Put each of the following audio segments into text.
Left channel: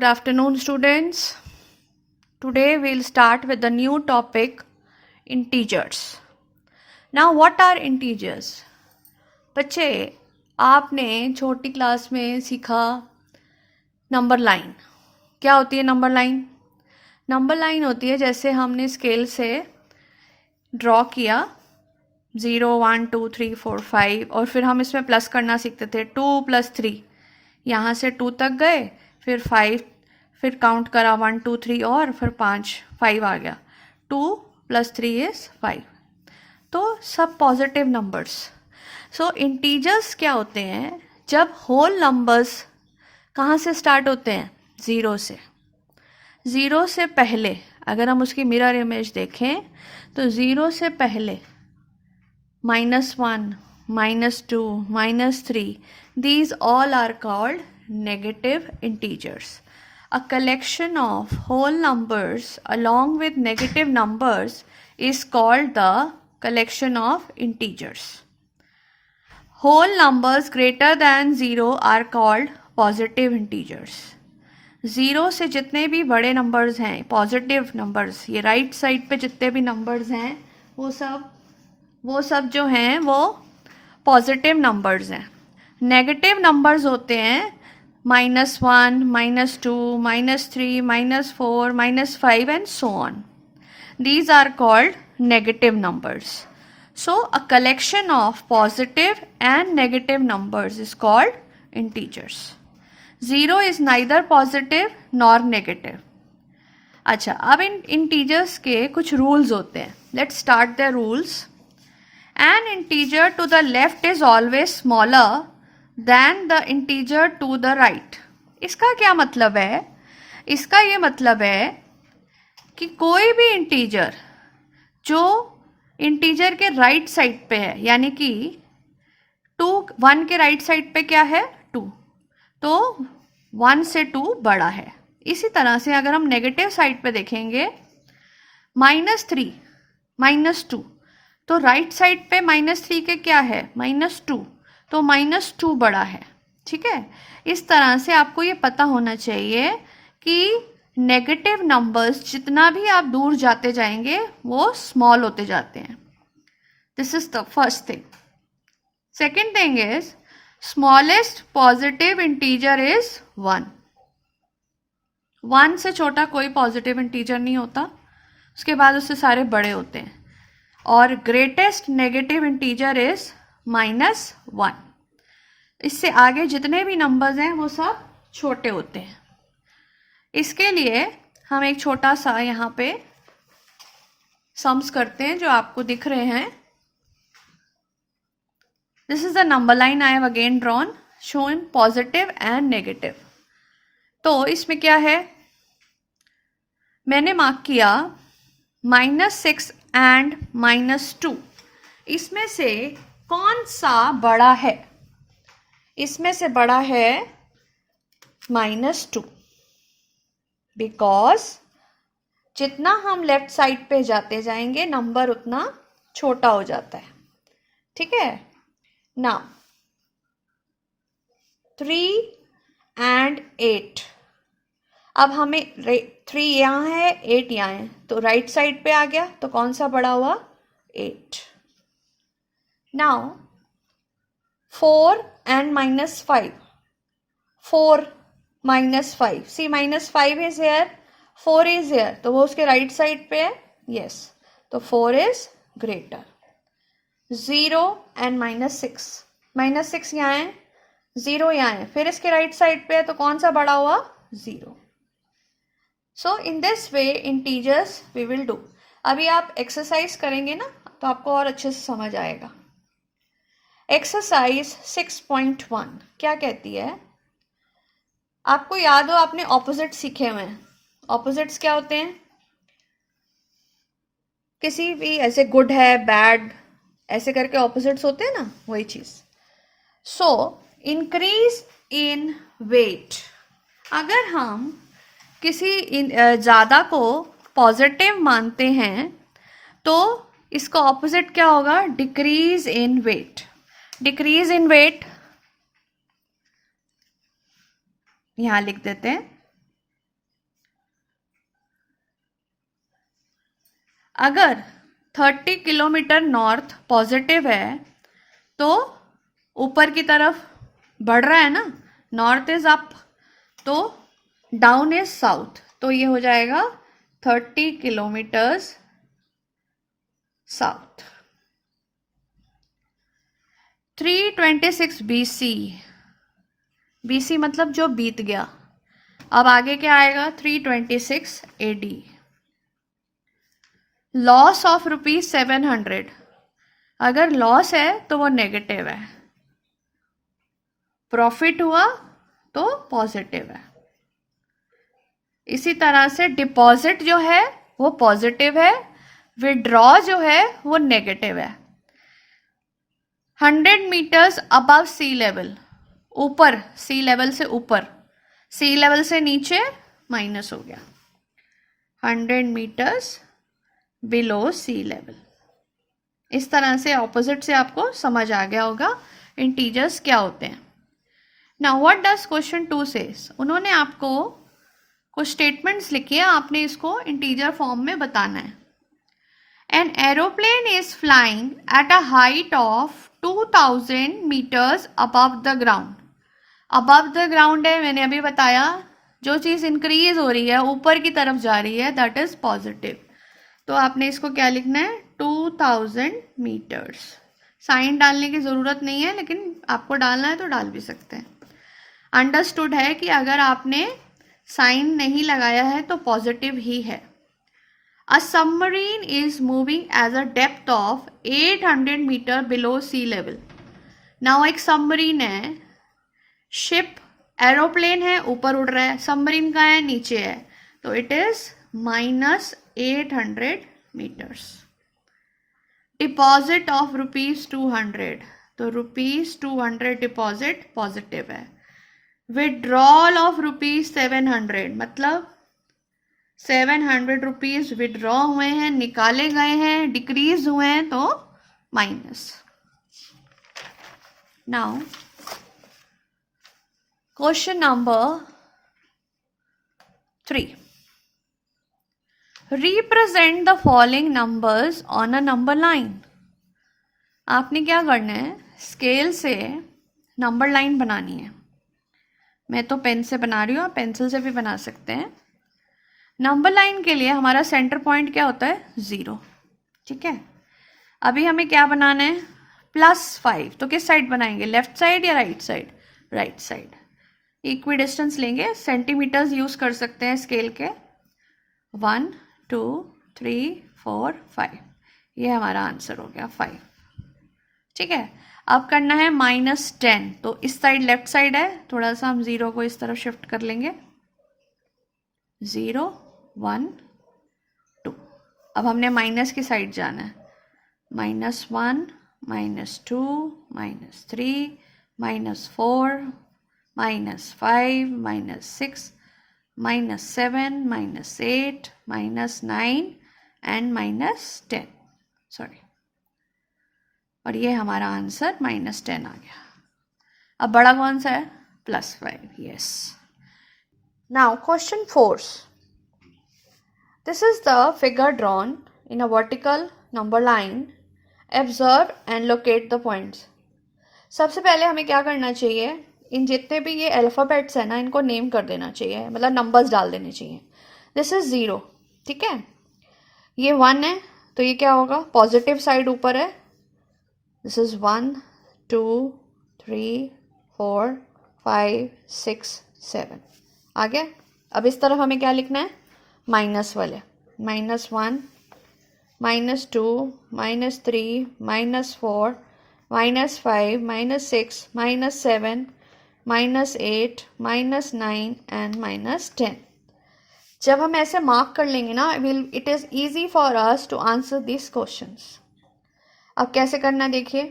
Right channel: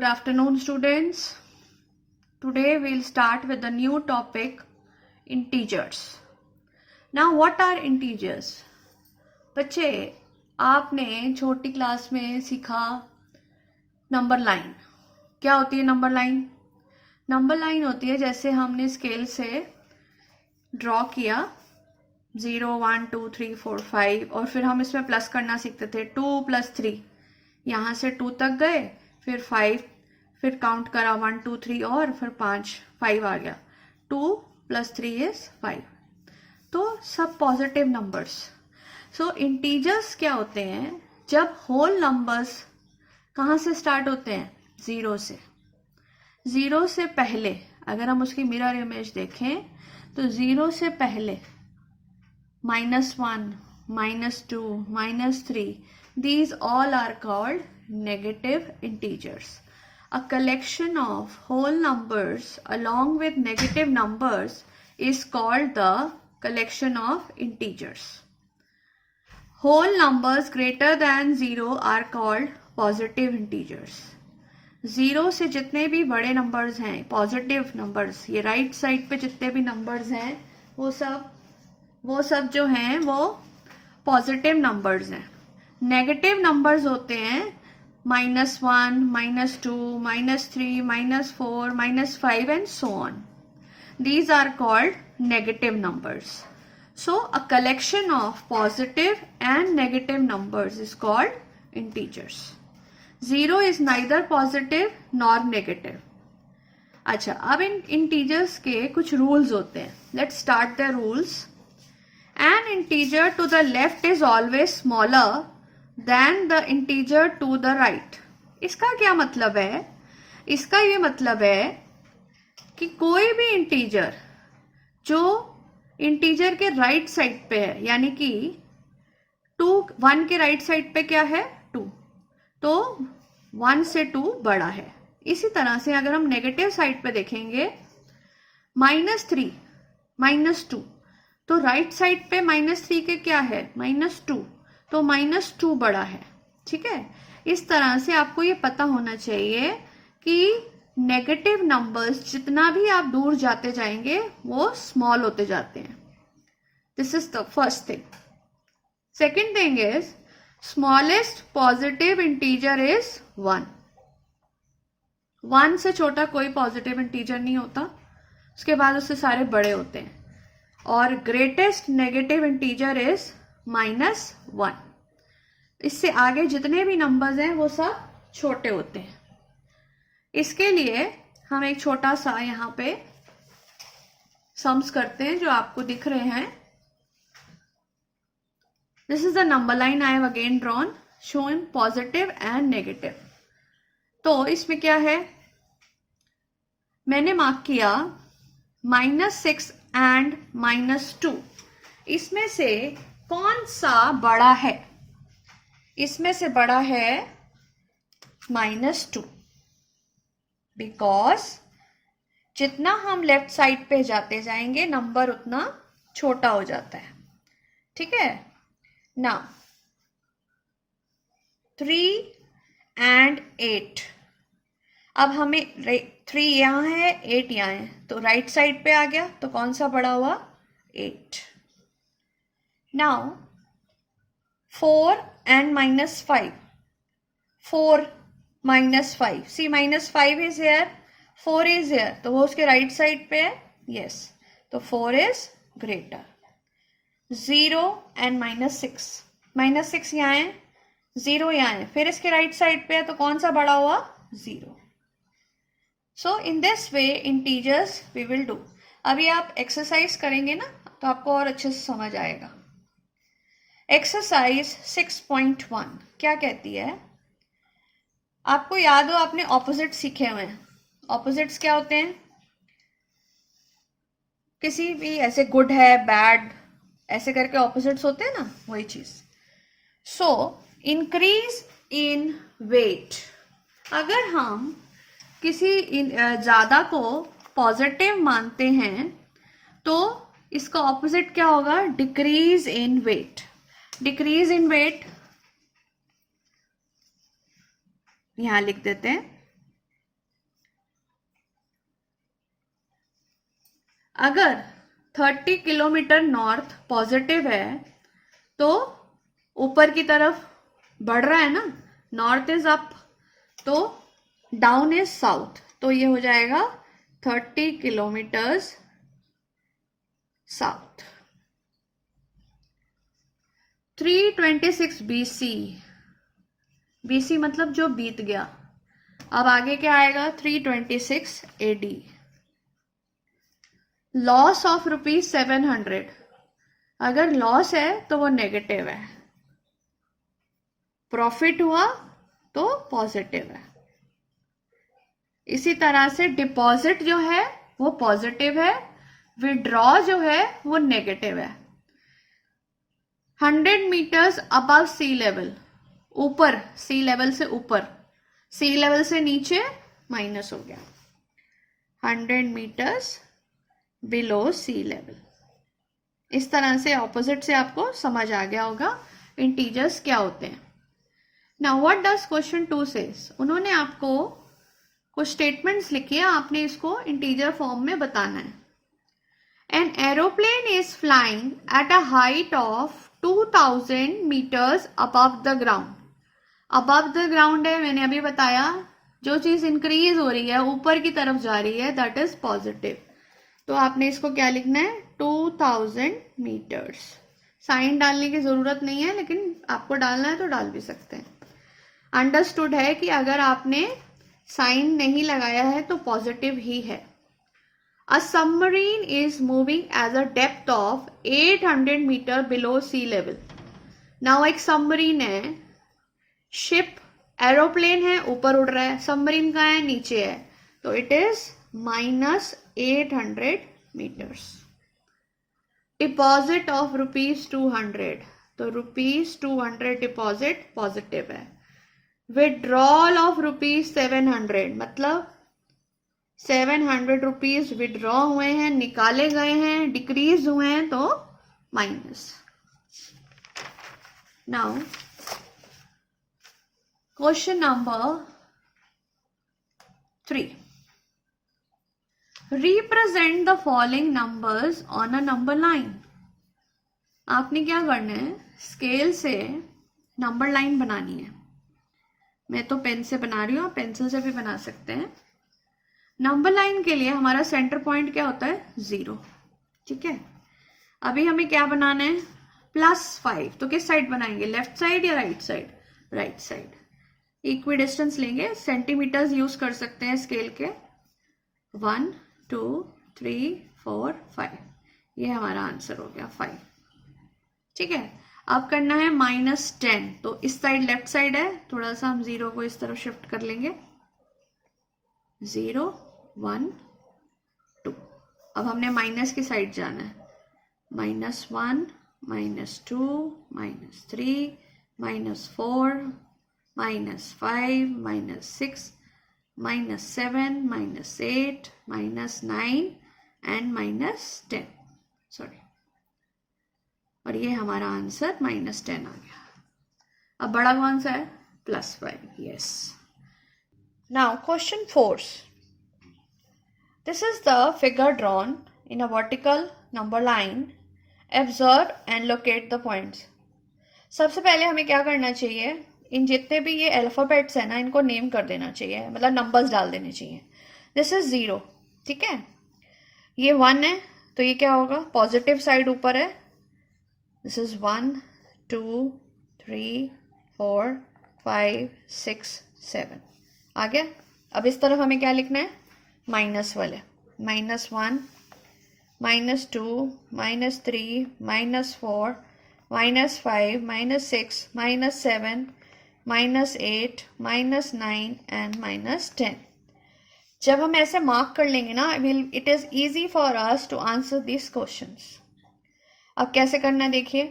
Good afternoon, students. Today we'll start with the new topic, integers. Now, what are integers? बच्चे, आपने छोटी class में सीखा number line. क्या होती है नंबर लाइन? नंबर लाइन होती है जैसे हमने स्केल से ड्रॉ किया 0, 1, 2, 3, 4, 5 और फिर हम इसमें प्लस करना सीखते थे 2 + 3. यहाँ से 2 तक गए, फिर 5, फिर काउंट करा 1, 2, 3 और फिर 5 आ गया. 2 + 3 = 5. तो सब पॉजिटिव नंबर्स. सो इंटीजर्स क्या होते हैं? जब होल नंबर्स कहाँ से स्टार्ट होते हैं? 0 से. 0 से पहले अगर हम उसकी मिरर इमेज देखें तो 0 से पहले -1, -2, -3, these all are called negative integers. A collection of whole numbers along with negative numbers is called the collection of integers. Whole numbers greater than 0 are called positive integers. 0 से जितने भी बड़े numbers हैं positive numbers, ये right side पे जितने भी numbers हैं वो सब जो हैं वो पॉजिटिव नंबर्स हैं. नेगेटिव नंबर्स होते हैं -1, -2, -3, -4, -5 and so on. These are called negative numbers. So a collection of positive and negative numbers is called integers. 0 is neither positive nor negative. अच्छा, अब इन इंटीजर्स के कुछ रूल्स होते हैं. Let's start the rules. An integer to the left is always smaller than the integer to the right. इसका क्या मतलब है? इसका ये मतलब है कि कोई भी इंटीजर जो इंटीजर के राइट साइड पे है, यानी कि 1 के राइट साइड पे क्या है? 2, तो 1 से 2 बड़ा है. इसी तरह से अगर हम नेगेटिव साइड पे देखेंगे -3, -2, तो राइट साइड पे -3 के क्या है? -2, तो -2 बड़ा है. ठीक है, इस तरह से आपको ये पता होना चाहिए कि नेगेटिव नंबर्स जितना भी आप दूर जाते जाएंगे वो स्मॉल होते जाते हैं. This is the first thing. Second thing is smallest positive integer is 1. 1 से छोटा कोई पॉजिटिव इंटीजर नहीं होता, उसके बाद उससे सारे बड़े होते हैं. और ग्रेटेस्ट नेगेटिव इंटीजर इज -1. इससे आगे जितने भी नंबर्स हैं वो सब छोटे होते हैं. इसके लिए हम एक छोटा सा यहाँ पे सम्स करते हैं जो आपको दिख रहे हैं. This is the number line I have again drawn shown positive and negative. तो इसमें क्या है? मैंने मार्क किया -6 एंड -2. इसमें से कौन सा बड़ा है? इसमें से बड़ा है -2, बिकॉज जितना हम लेफ्ट साइड पे जाते जाएंगे नंबर उतना छोटा हो जाता है. ठीक है. Now 3 and 8. अब हमें 3 यहाँ है, 8 यहाँ है, तो राइट साइड पे आ गया, तो कौन सा बड़ा हुआ? 8. Now 4 and -5. 4 -5. C -5 is here, 4 is here, तो वो उसके राइट साइड पे है. यस, तो 4 इज ग्रेटर. 0 एंड -6. -6 यहाँ है, 0 यहाँ है, फिर इसके राइट साइड पे है, तो कौन सा बड़ा हुआ? 0. So in this way integers we will do. अभी आप एक्सरसाइज करेंगे ना तो आपको और अच्छे से समझ आएगा. एक्सरसाइज 6.1 क्या कहती है? आपको याद हो आपने ऑपोजिट सीखे हुए हैं. ऑपोजिट्स क्या होते हैं? किसी भी ऐसे गुड है, बैड, ऐसे करके ऑपोजिट्स होते हैं ना, वही चीज. So increase in weight. अगर हम किसी ज्यादा को पॉजिटिव मानते हैं तो इसका ऑपोजिट क्या होगा? Decrease in weight. Decrease in weight यहां लिख देते हैं अगर 30 किलोमीटर नॉर्थ पॉजिटिव है तो ऊपर की तरफ बढ़ रहा है ना, नॉर्थ इज अप तो डाउन इज साउथ, तो ये हो जाएगा 30 किलोमीटर्स साउथ। 326 BC, BC मतलब जो बीत गया। अब आगे क्या आएगा, 326 AD। लॉस ऑफ ₹700, अगर लॉस है तो वो नेगेटिव है, प्रॉफिट हुआ तो पॉजिटिव है। इसी तरह से डिपॉजिट जो है वो पॉजिटिव है, विड्रॉ जो है वो नेगेटिव है। 100 मीटर्स अबव सी लेवल, ऊपर, सी लेवल से ऊपर, सी लेवल से नीचे माइनस हो गया। 100 मीटर्स बिलो सी लेवल। इस तरह से ऑपोजिट से आपको समझ आ गया होगा इंटीजर्स क्या होते हैं। Now what does question 2 says, उन्होंने आपको कुछ स्टेटमेंट्स लिखी है, आपने इसको इंटीजर फॉर्म में बताना है। An aeroplane is flying at a height of 2000 metres above the ground. Above the ground है, मैंने अभी बताया, जो चीज़ इंक्रीज हो रही है, ऊपर की तरफ जा रही है, दैट इज पॉजिटिव। तो आपने इसको क्या लिखना है, 2000 मीटर्स। साइन डालने की ज़रूरत नहीं है, लेकिन आपको डालना है तो डाल भी सकते हैं। अंडरस्टूड है कि अगर आपने साइन नहीं लगाया है तो पॉजिटिव ही है। A submarine is moving as a depth of 800 metre below sea level. Now एक सबमरीन है, शिप, एरोप्लेन है, ऊपर उड़ रहा है, सबमरीन कहाँ है, नीचे है, तो it is -800 metres. Deposit of ₹200, तो ₹200 डिपॉजिट पॉजिटिव है। विड्रॉल ऑफ ₹700, मतलब 700 रुपीज विड्रॉ हुए हैं, निकाले गए हैं, डिक्रीज हुए हैं, तो minus. Now question number 3, represent the following numbers on a number line. आपने क्या करना है, स्केल से नंबर लाइन बनानी है। मैं तो पेन से बना रही हूँ, आप पेंसिल से भी बना सकते हैं। नंबर लाइन के लिए हमारा सेंटर पॉइंट क्या होता है, 0, ठीक है। अभी हमें क्या बनाना है, +5, तो किस साइड बनाएंगे, लेफ्ट साइड या right side, right side. Equi distance लेंगे, सेंटीमीटर्स यूज कर सकते हैं स्केल के, 1 2 3 4 5, ये हमारा आंसर हो गया 5, ठीक है। अब करना है -10, तो इस साइड लेफ्ट साइड है, थोड़ा सा हम 0 को इस तरफ शिफ्ट कर लेंगे, 0 1 2। अब हमने माइनस की साइड जाना है, -1 -2 -3 -4 -5 -6 -7 -8 -9 एंड -10, सॉरी, और ये हमारा आंसर -10 आ गया। अब बड़ा कौन सा है, +5, yes. Now question 4, this is the figure drawn in a vertical number line, observe and locate the points. सबसे पहले हमें क्या करना चाहिए, इन जितने भी ये अल्फ़ाबेट्स हैं ना, इनको नेम कर देना चाहिए, मतलब नंबर्स डाल देने चाहिए। दिस इज 0, ठीक है, ये 1 है, तो ये क्या होगा, पॉजिटिव साइड ऊपर है, दिस इज 1 2 3 4 5 6 7, आ गया। अब इस तरफ हमें क्या लिखना है, माइनस वाले, -1 -2 -3 -4 -5 -6 -7 -8 -9 एंड -10। जब हम ऐसे मार्क कर लेंगे ना, it is easy for us to answer this questions. अब कैसे करना देखिए,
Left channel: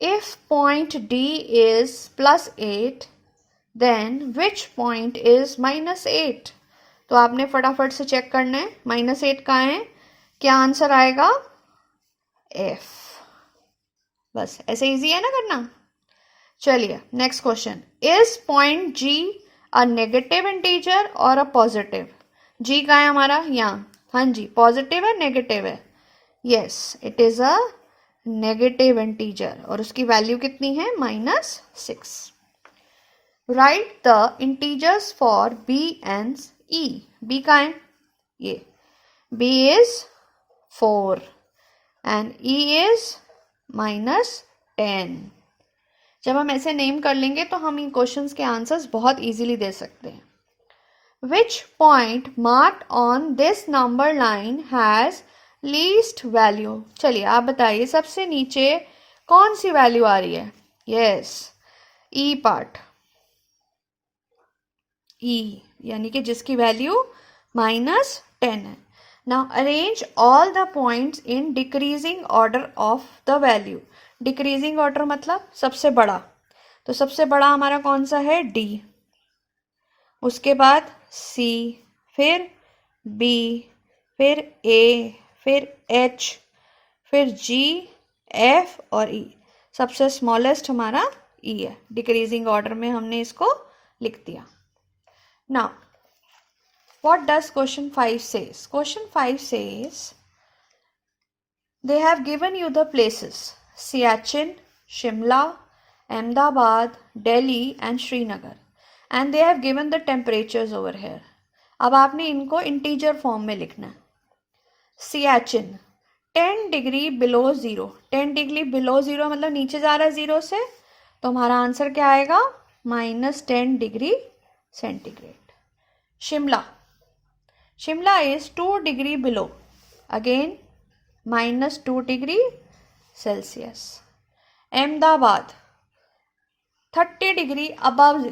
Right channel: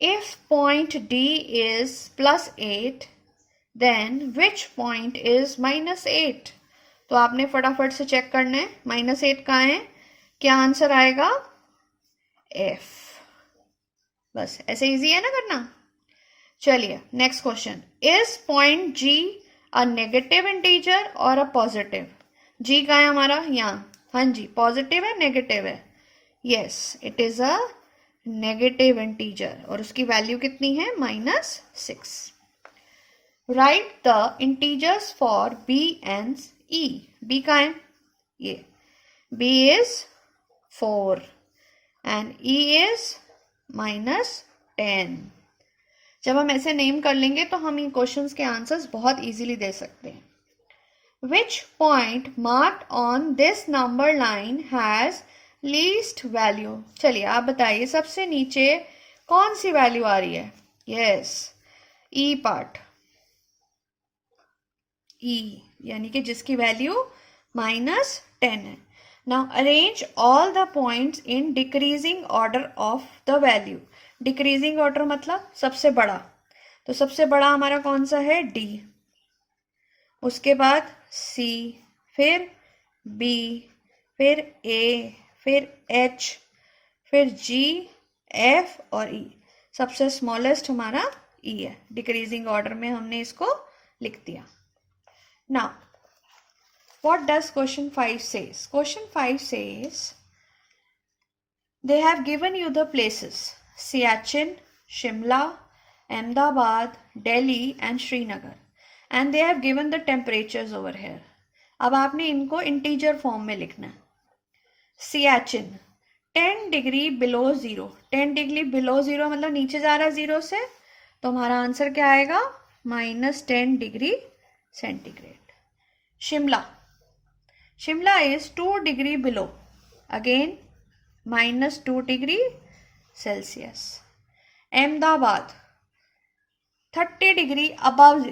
if point D is +8 then which point is -8। तो आपने फटाफट से चेक करना है, -8 कहाँ है, क्या आंसर आएगा, F। बस ऐसे इजी है ना करना। चलिए next question, is point G a negative integer और अ पॉजिटिव। G कहाँ है हमारा, यहाँ, हाँ जी, पॉजिटिव है नेगेटिव है? Yes, it is a negative integer और उसकी वैल्यू कितनी है? -6. Right the integers for b and e. b का है ये, b is 4 and e is -10. जब हम ऐसे नेम कर लेंगे तो हम इन क्वेश्चंस के आंसर्स बहुत इजीली दे सकते हैं. Which point marked on this number line has least value? चलिए आप बताइए, सबसे नीचे कौन सी वैल्यू आ रही है? यस, ई पार्ट, ई यानी कि जिसकी वैल्यू -10 है. Now arrange all the points in decreasing order of the value. Decreasing order मतलब सबसे बड़ा, तो सबसे बड़ा हमारा कौन सा है? डी, उसके बाद सी, फिर बी, फिर ए, फिर एच, फिर जी, एफ और ई. सबसे स्मॉलेस्ट हमारा ई है. डिक्रीजिंग ऑर्डर में हमने इसको लिख दिया. Now what does question 5 says? Question 5 says they have given you the places Siachen, Shimla, Ahmedabad, Delhi and Srinagar and they have given the temperatures over here. अब आपने इनको इंटीजर फॉर्म में लिखना है. Siachen 10 degree below 0. 10 degree below 0 मतलब नीचे जा रहा है 0 से, तो हमारा आंसर क्या आएगा? -10 degree centigrade. Shimla, Shimla is 2 degree below, again -2 degree Celsius. Ahmedabad 30 degree above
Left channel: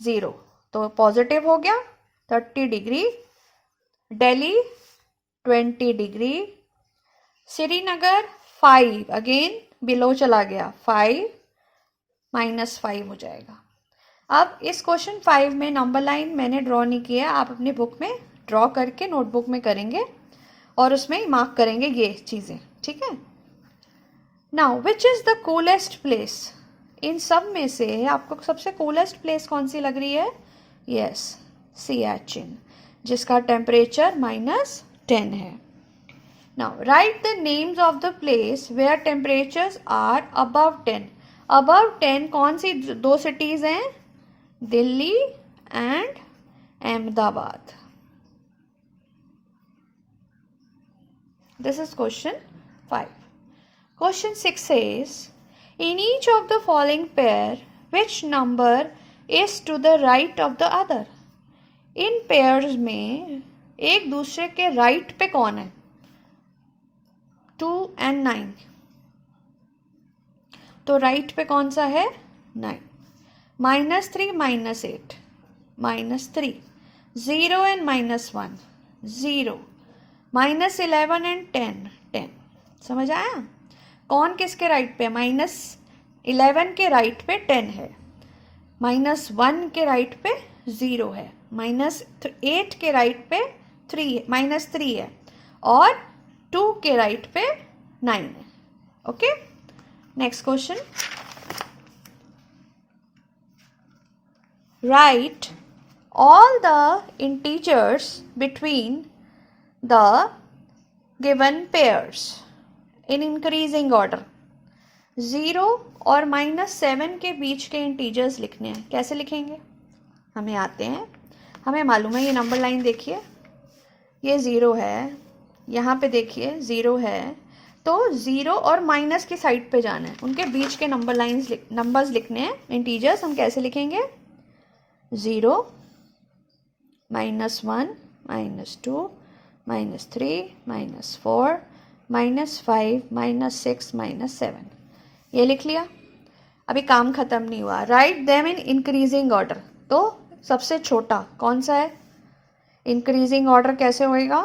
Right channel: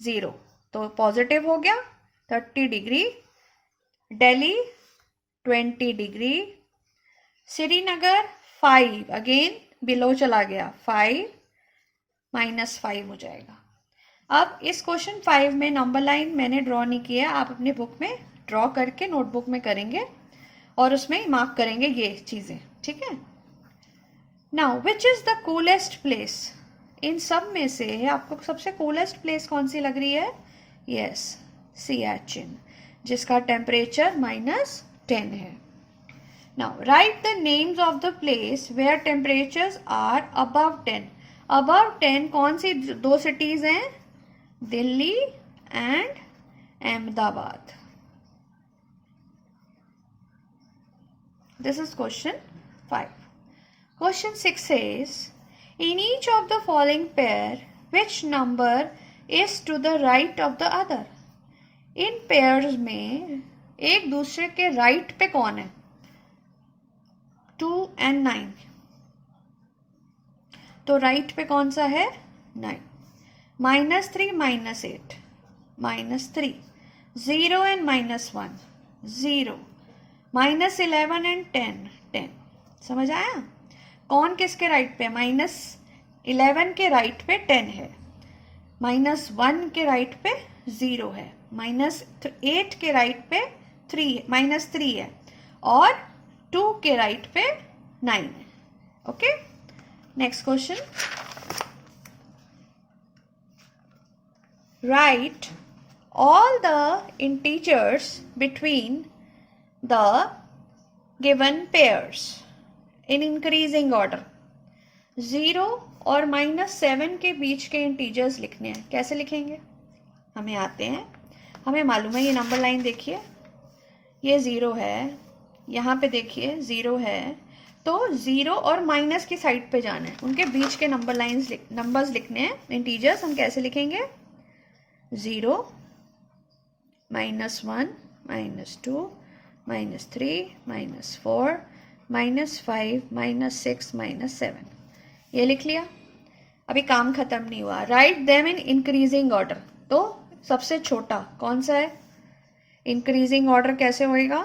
0, तो पॉजिटिव हो गया 30 degree. Delhi 20 degree. Srinagar 5, again below चला गया 5, -5 हो जाएगा. अब इस क्वेश्चन 5 में नंबर लाइन मैंने ड्रॉ नहीं किया, आप अपने बुक में ड्रॉ करके नोटबुक में करेंगे और उसमें मार्क करेंगे ये चीज़ें, ठीक है. Now which is the coolest place? इन सब में से आपको सबसे कूलेस्ट प्लेस कौन सी लग रही है? यस, सियाचिन, जिसका टेम्परेचर -10 है. Now write the names of the place where temperatures are above 10. Above 10 कौन सी दो सिटीज हैं? Delhi and Ahmedabad. This is question 5. Question 6 says, in each of the following pair, which number is to the right of the other? In pairs में एक दूसरे के right पे कौन है? 2 and 9. तो राइट पे कौन सा है? 9. -3 -8 -3. 0 and -1 0. -11 and 10 10. समझ आया? कौन किसके राइट पे? -11 के राइट पे 10 है, -1 के राइट पे 0 है, -8 के राइट पे 3 है और 2 के राइट पे 9 है. Okay, next question. Right all the integers between the given pairs in increasing order. 0 और -7 के बीच के इंटीजर्स लिखने हैं. कैसे लिखेंगे? हमें आते हैं, हमें मालूम है. ये नंबर लाइन देखिए, ये 0 है, यहाँ पे देखिए 0 है, तो 0 और माइनस की साइड पे जाना है, उनके बीच के नंबर्स लिखने हैं. इंटीजर्स हम कैसे लिखेंगे? 0 -1 -2 -3 -4 -5 -6 -7. ये लिख लिया. अभी काम खत्म नहीं हुआ. Write them in increasing order. तो सबसे छोटा कौन सा है? इंक्रीजिंग ऑर्डर कैसे होएगा?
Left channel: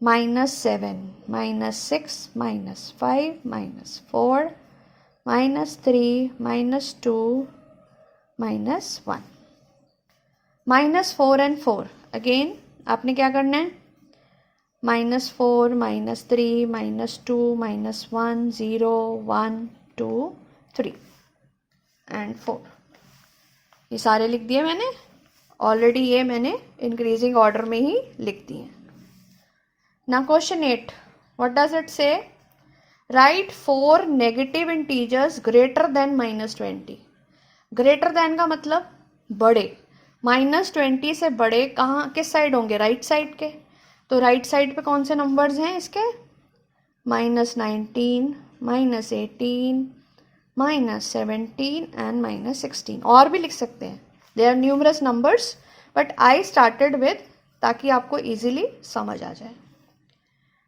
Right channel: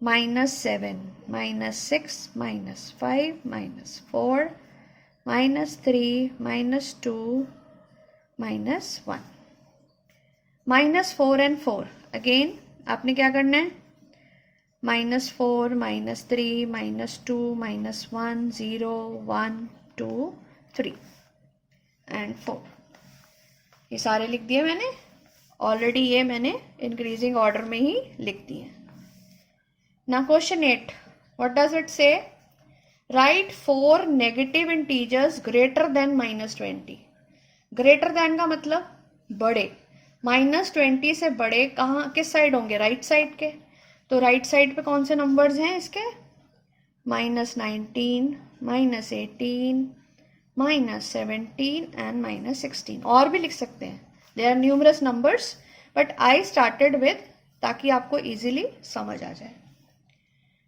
-7 -6 -5 -4 -3 -2 -1. -4 and 4. अगेन आपने क्या करना है? -4 -3 -2 -1 0 1 2 3 एंड 4. ये सारे लिख दिए मैंने ऑलरेडी ये मैंने इंक्रीजिंग ऑर्डर में ही लिख दिए। ना क्वेश्चन 8, व्हाट डज इट से? Right 4 negative integers greater than -20। Greater than का मतलब बड़े, -20 से बड़े कहाँ किस साइड होंगे? राइट साइड के। तो राइट साइड पे कौन से नंबर्स हैं इसके? -19, -18, -17 एंड -16। और भी लिख सकते हैं, they are numerous numbers, but I started with ताकि आपको इजीली समझ आ जाए।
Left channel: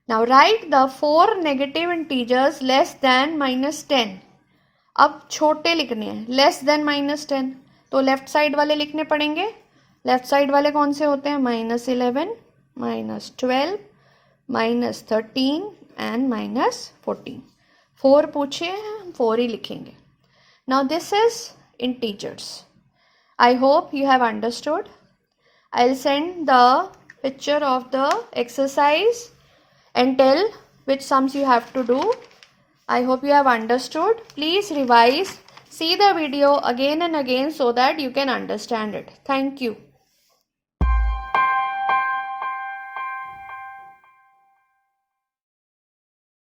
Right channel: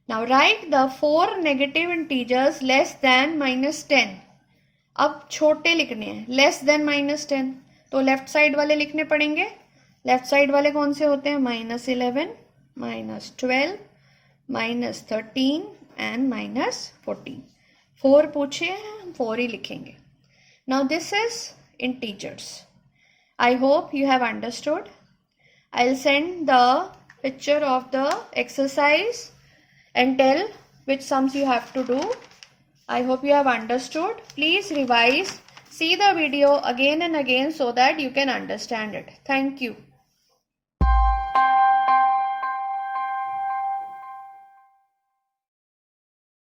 Now write the 4 negative integers less than -10। अब छोटे लिखने हैं, लेस देन -10, तो लेफ्ट साइड वाले लिखने पड़ेंगे। लेफ्ट साइड वाले कौन से होते हैं? -11, -12, -13 एंड -14। 4 पूछे हैं, हम 4 ही लिखेंगे। Now this is integers. I hope you have understood. I will send the picture of the exercise and tell which sums you have to do. I hope you have understood. Please revise, see the video again and again so that you can understand it. Thank you.